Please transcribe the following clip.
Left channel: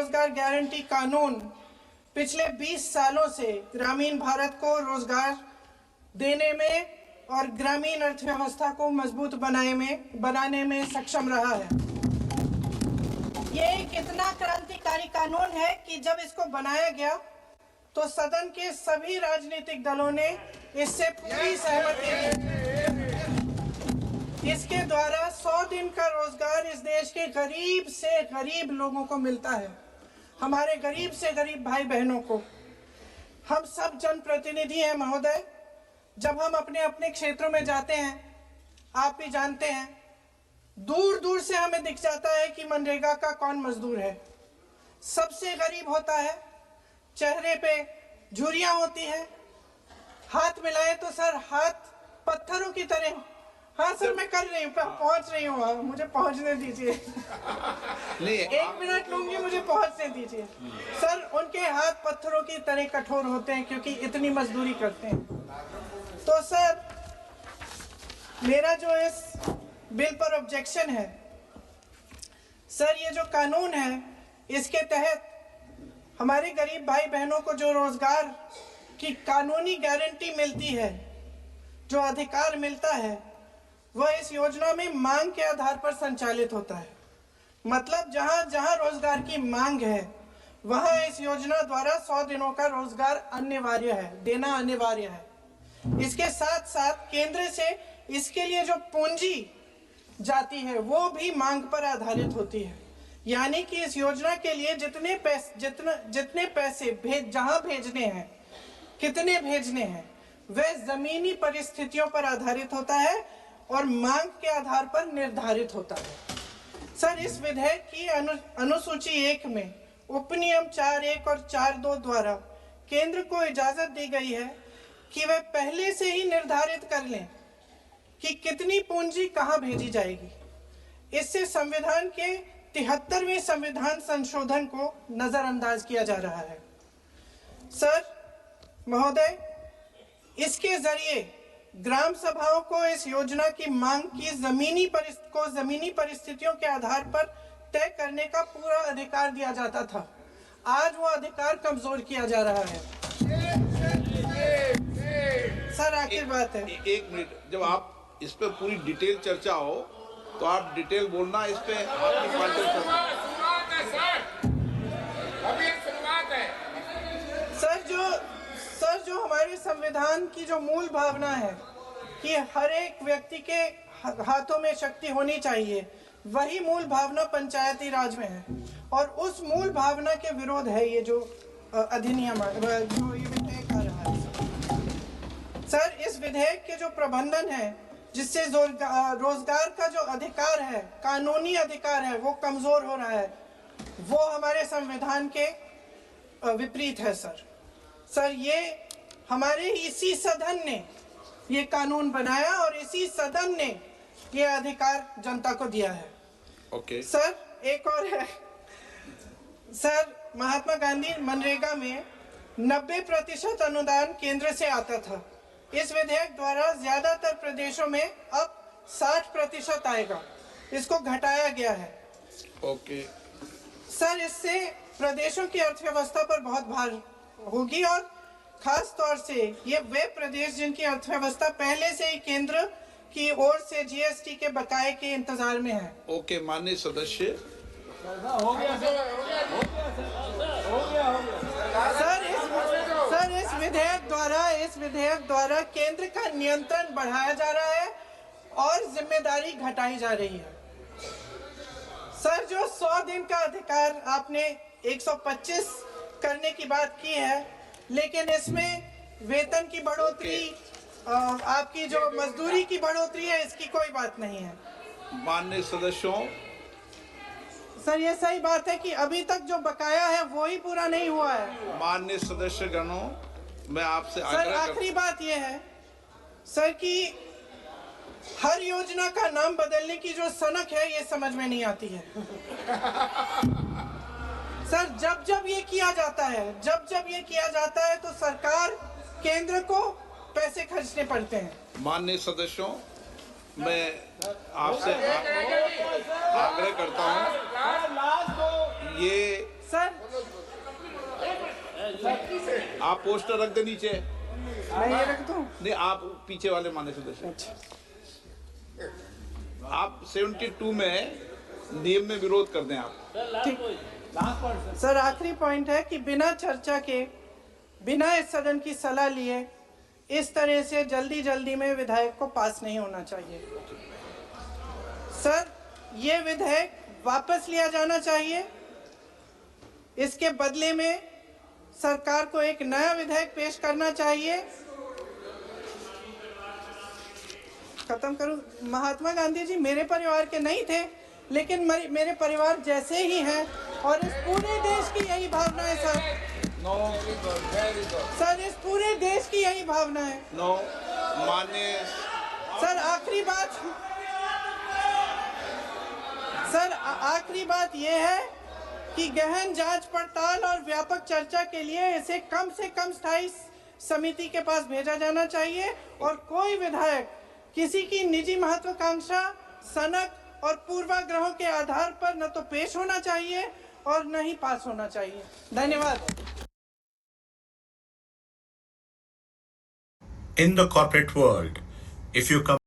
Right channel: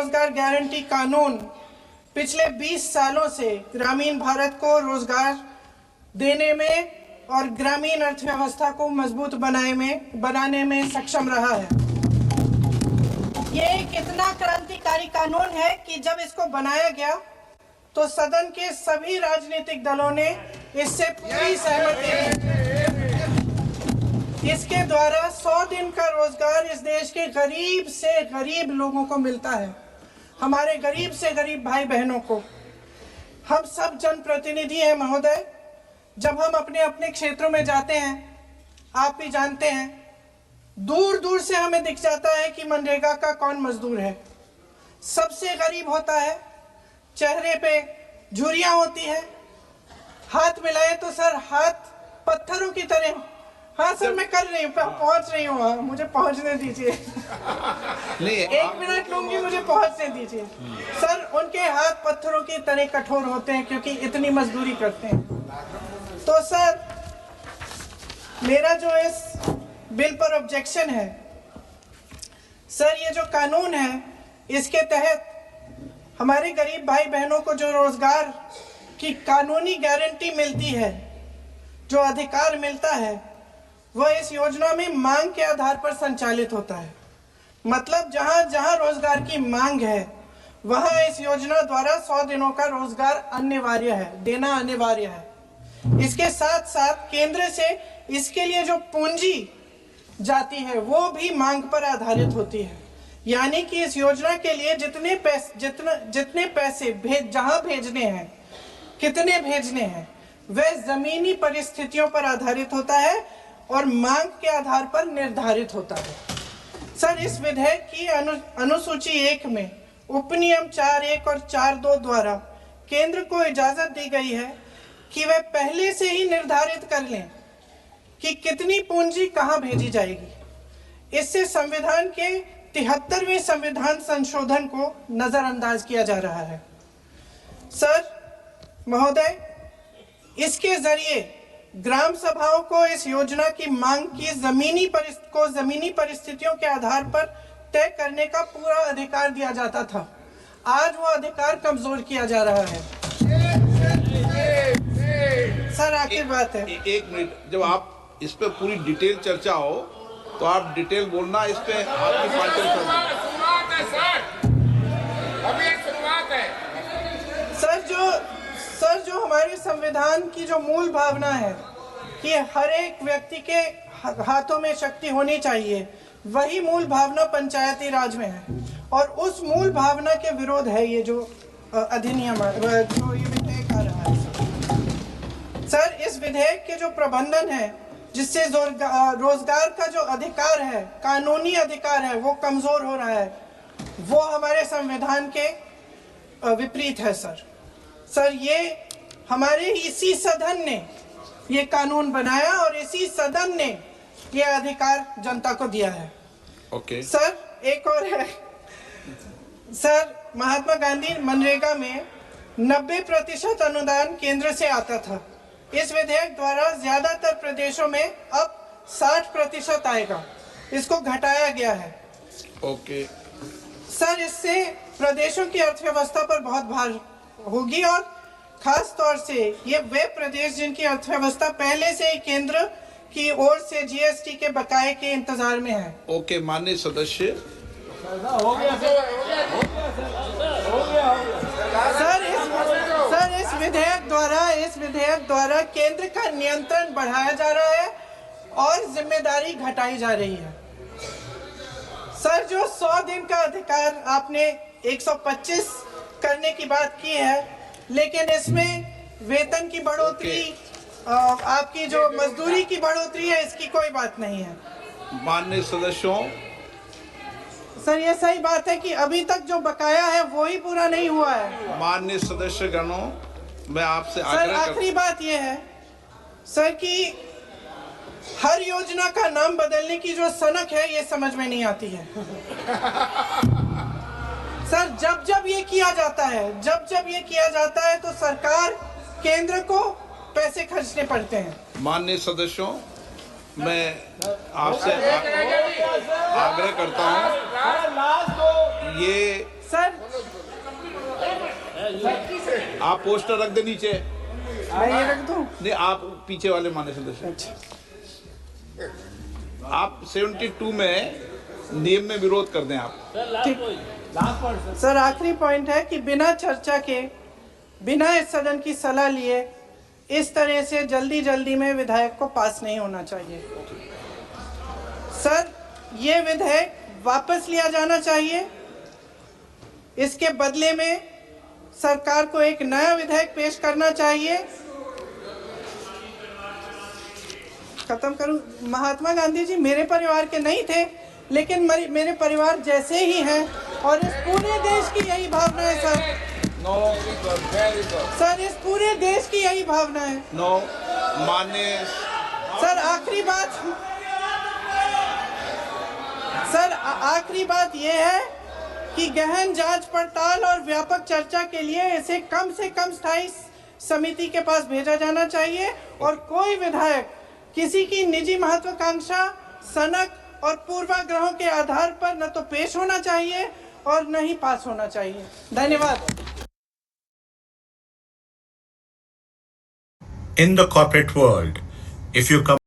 रोजगार गारंटी कानून पिछले 20 सालों से ग्रामीण भारत को रोजगार देने में और ग्रामीण अर्थव्यवस्था को मजबूत बनाने में सक्षम रहा है। ये एक इतना क्रांतिकारी कानून है कि जब इसको बनाया गया तो सदन के सभी राजनीतिक दलों ने इससे पूरी सहमति दी। इसके द्वारा 100 दिन का रोजगार इस देश के गरीब से गरीब लोगों को मिलता है, हमारे गरीब से गरीब भाई बहनों को। हम सब जनप्रतिनिधि हैं महोदय, जब हम अपने अपने क्षेत्रों में जाते हैं, आप भी जानते हैं, दूर दूर से हमें दिख जाता है कि मनरेगा का कौन मजदूर है। सबसे गरीब होता है, चेहरे पे झुर्रियां होती है, हाथ मिलाए तो सर हाथ पत्थरों की तरह। हाँ सर, मैं कर रही हूँ, पहुंच रही हूँ, मुझे पहुंचने दीजिए। एक मिनट लूंगी, मुझे पहुंचने दीजिए। सर, उनके हाथ पत्थरों की तरह कठोर होते हैं क्योंकि इतनी मजदूरी करते हैं। तो सर, मेरा जो इस बिल पर ऑब्जेक्शन है सर, ये जो कानून है इसके तहत हमारे गरीब भाई बहनों को जो रोजगार की कानूनी गारंटी मिलती है, जो अधिकार मिलता है, वह इस योजना में मांग के आधार पर संचालित होता है। मतलब जहां जहां रोजगार की मांग है वहां इस योजना द्वारा 100 दिनों का रोजगार अनिवार्य है, देना अनिवार्य है। इसके साथ साथ केंद्र से इसके लिए जो पूंजी जाती है वो भी मांग पर आधारित होती है। यानी कि इस योजना के लिए जितने पैसे जहां भेजने हैं, कितने भेजने हैं, वह जमीनी परिस्थितियों पर आधारित होता है और मांग के आधार पर निर्धारित होता है। सर, इस विधेयक की अनुसूची 1 में उपनियम 4(1) और 4(2) द्वारा केंद्र को इजाजत दी गई है कि वह पहले से ही निर्धारित कर लें कि कितनी पूंजी कहां भेजी जाएगी। इससे संविधान के 73वें संविधान संशोधन को नजरअंदाज किया जा रहा है। सर महोदय, इसके जरिए ग्राम सभाओं को इस योजना की मांग की जमीनी परिस्थितियों के आधार पर तय करने का पूरा अधिकार दिया जाता था। आज वो अधिकार कमजोर किया जा रहा है। सर, आखिर बात है, एक मिनट, जब आप इस पे पूरी डिटेल चर्चा हो तो आप डिटेल बोलना। इस पे आपकी पार्टी शुरुआत है सर, अभी एक शुरुआत है। सर, जो हमारे संविधान की जो मूल भावना है कि हर एक व्यक्ति के हाथों में शक्ति होनी चाहिए, वही मूल भावना पंचायती राज में है और उस मूल भावना के विरोध है ये जो अधिनियम जो ये विधेयक आ रहा है। सर, इस विधेयक के जो प्रबंधन है जिससे रोजगार का जो अधिकार है, कानूनी अधिकार है, वो कमजोर हो रहा है, वो हमारे संविधान के विपरीत है। सर, ये हमारे इसी सदन ने ये कानून बनाया और इसी सदन ने ये अधिकार जनता को दिया है। ओके। सर, एक और है सर, महात्मा गांधी मनरेगा में 90% अनुदान केंद्र से आता था। इस विधेयक द्वारा ज्यादातर प्रदेशों में अब 60% आएगा, इसको घटाया गया है। ओके। सर, इससे प्रदेशों की अर्थव्यवस्था पर बहुत भार होगी और खास तौर से ये वे प्रदेश जिनकी अर्थव्यवस्था पहले से ही केंद्र की ओर से जीएसटी के बकाये के इंतजार में है। ओके, माननीय सदस्य। सर, इस विधेयक द्वारा केंद्र का नियंत्रण बढ़ाया जा रहा है और जिम्मेदारी घटाई जा रही है। सर, जो 100 दिन का अधिकार आपने 125 करने की बात की है, लेकिन इसमें वेतन की बढ़ोतरी, आपकी जो मजदूरी की बढ़ोतरी है, इसकी कोई बात नहीं है। माननीय सदस्यों। सर, ये सही बात है कि अभी तक जो बकाया है वो ही पूरा नहीं हुआ है। माननीय सदस्य गणों, मैं आपसे सर, आखिरी बात ये है सर कि हर योजना का नाम बदलने की जो सनक है ये समझ में नहीं आती है। सर, जब ये किया जाता है तो सरकार केंद्र को पैसे खर्चने पड़ते हैं। माननीय सदस्यों, मैं आपसे आग्रह करता हूं, ये सर आप पोस्टर रख दे नीचे। मैं ये रख दूं? नहीं, आप पीछे वाले माने सदस्य। आप 72 में नियम में विरोध कर दें आप। ठीक। सर आखिरी पॉइंट है कि बिना चर्चा के, बिना इस सदन की सलाह लिए इस तरह से जल्दी जल्दी में विधेयक को पास नहीं होना चाहिए। सर ये विधेयक वापस लिया जाना चाहिए। इसके बदले में सरकार को एक नया विधेयक पेश करना चाहिए। खत्म करूं? महात्मा गांधी जी मेरे परिवार के नहीं थे, लेकिन मेरे परिवार जैसे ही हैं और इस पूरे देश की यही भावना है सर। नो, सर इस पूरे देश की यही भावना है। नो, माननीय सर आखिरी बात, सर आखिरी बात यह है कि गहन जांच पड़ताल और व्यापक चर्चा के लिए इसे कम से कम स्थायी समिति के पास भेजा जाना चाहिए और कोई विधायक किसी की निजी महत्वाकांक्षा, सनक और पूर्वाग्रहों के आधार पर न तो पेश होना चाहिए और न ही पास होना चाहिए। धन्यवाद। In the corporate world, if you come